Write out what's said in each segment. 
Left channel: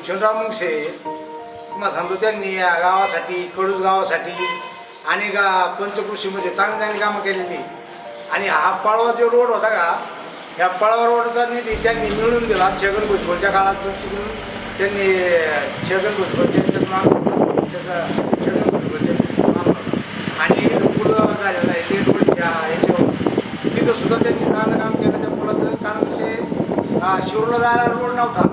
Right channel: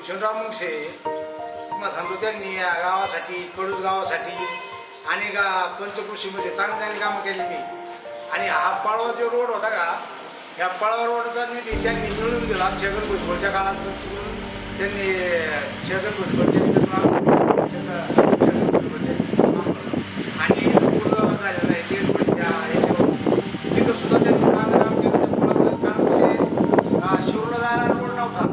शिवचंद्रराव मुंगसे तुम्हाला सांगतो त्यांनी या गावासाठी कडूस गावासाठी आणि पंचकृषीमध्ये चांगली चांगली कामं केलेली. आणि हा पळवा जो रोड होता का, ह्या पळवा रोडचा निधी त्यांनी मिळवून दिला. छगन भुजबळच्या काळात तिकडून त्यांनी छगन भुजबळ छगन भुजबळचे आणि पुलं झालेलं आहे तेलवडीच्या याच्यावर तिथं सुद्धा त्यांनी चांगलं काम केलं त्या पुलाचं. कारण ते शिरूरला जायला रोड नव्हता,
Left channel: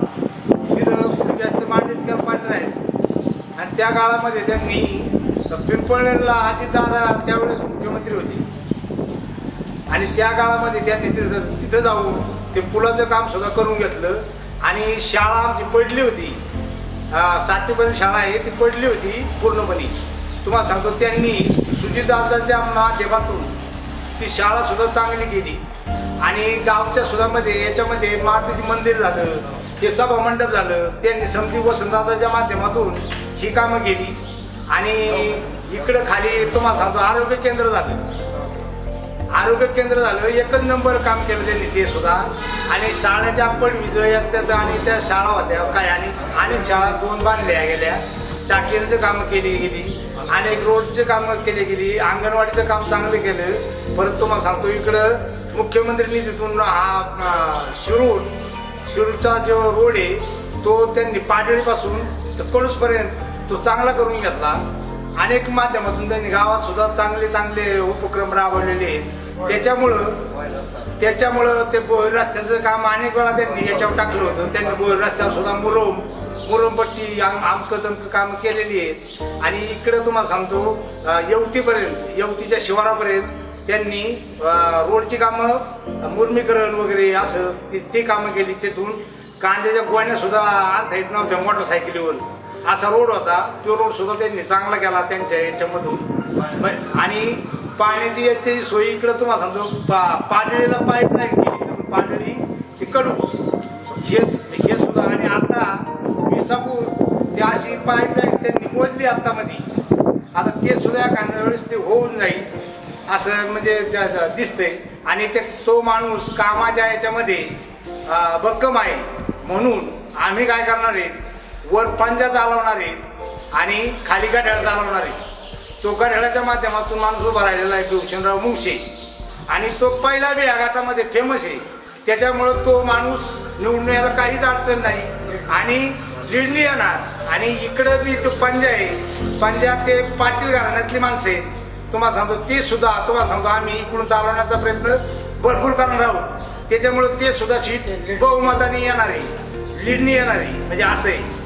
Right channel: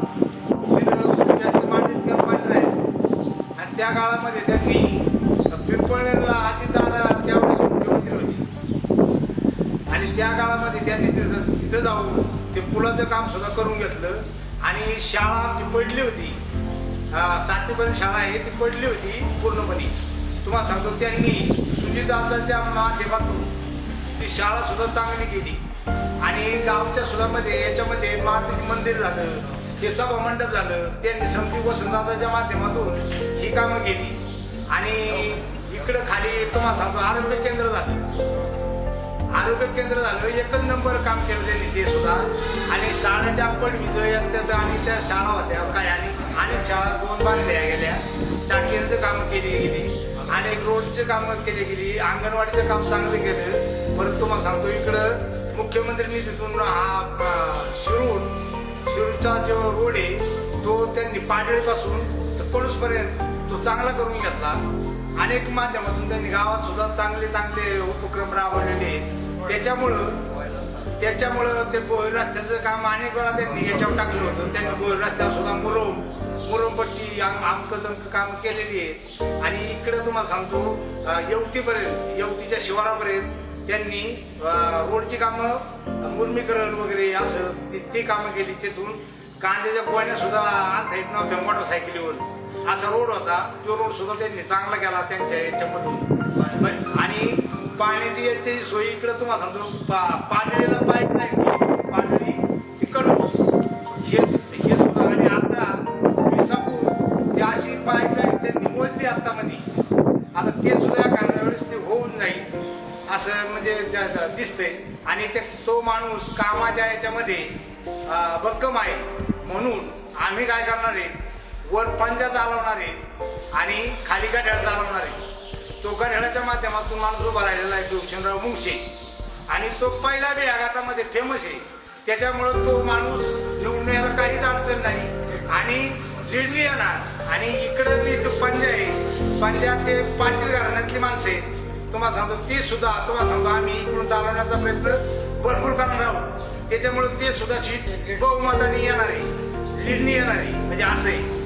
तिथं पुढे मातीत किंवा पाणी राहायचं. आणि त्या काळामध्ये त्यांनी पिंपळनेरला अजितदादा त्यावेळेस मुख्यमंत्री होते आणि त्या काळामध्ये त्यांनी तिथं जाऊन ते पुलाचं काम सुद्धा करून घेतलं. आणि शाळा आमची पडली होती, 7वीपर्यंत शाळा आहे ती पडली होती पूर्णपणे. तुम्हाला सांगतो त्यांनी सुजितदादांच्या माध्यमातून ती शाळा सुद्धा चांगली केली. आणि गावच्या सुद्धामध्ये याच्यामध्ये मारुती मंदिर झालं, हे सभा मंडप झालं, त्यांनी समती वसंतदादाच्या माध्यमातून ही कामं केली. आणि इकडं खाली तुम्हाला सांगतो आरोग्य केंद्र झालं, आरोग्य केंद्र झालं, एकच नंबर काम केलं त्यांनी ते सुद्धा. आणि शाळेच्या पडवीज याच्यात आणि त्या शाळा होत्या काय आणि शाळा 2 बांधल्या गेल्या, टाक्यांचं कामं केली गेली, अनेक रोडचे कामं केली गेली, अंगणवाडीचं काम चांगलं केलं. परत तुम्हाला सांगतो इकडं मुख्यमंत्री निधीतून हा शिरूरचा जो रोड आहे तो त्यांनी पाडळीपासून तर कडूसपर्यंत तो चांगला करून घेतला. अनेक माध्यमातून त्यांनी गावात सुद्धा चांगले चांगले उपक्रम राबवलेले आहेत. त्याच्यामुळं ते बोर रस्त्याचं काम अनेक वेळा त्यांनी याच्यावर टाकलं होतं. त्यांनी बोर रस्त्यावर सुद्धा मुरुमपट्टी आमकं तमकं कामं केलेली आहेत. आणि इकडं तुम्हाला सांगतो येवतीच्या शिवारापर्यंत त्यांनी रोडची कामं मुर्मीकरण वगैरे असं ते कामं केली. तिथून कांद्याच्या गोण्या सुद्धा आणता येत नव्हत्या मोटरसायकलीवर, असा रोड होता. तो रोड सुद्धा त्यांनी चांगला केला त्यांच्या याच्यामधून. आणि पाण्याची याची सोयी इकडं तुम्हाला सांगतो पाडळीला पाईपलाईन केली, पाडळी ते कडूस हे सुद्धा. आणि आता विसापूर ते अशी पाईपलाईन त्यांनी मोजली आत्तामध्ये. आता ते सुद्धा एखाद्या वेळेस ते होऊन जाईल असं म्हणजे दिसतंय. आणि तो माणूस कामाच्या याच्यामध्ये भक्कम आहे म्हणून आम्ही काय करणार आहेत, वर पंजा चालवणार आहेत आणि खाली गाड्या चालवणार आहेत. तो गाड्याच्या माध्यमातून माणूस उभा राहिलेला आहे शिवचंद्रराव मुंगसे. आणि तो पहिला बी या गटामध्ये फेमस आहे, त्याच्यामुळं तो माणूस निवडून यायला काहीच अडचण नाही आणि लीडनी येणार. आणि इकडं बी तो पंजा आहे, पंजा ते पाटील घराण्यातली माणसं आहेत. तुम्हाला सांगतो ते सुद्धा तुम्हाला सांगतो आम्ही इकडून चालवण्याचा प्रयत्न भरपूर करणार आहोत. त्याच्यामुळे ते सुद्धा सीट बहुमताने येणार आहे, लीडनी येणार आहे, म्हणजे असं आहे.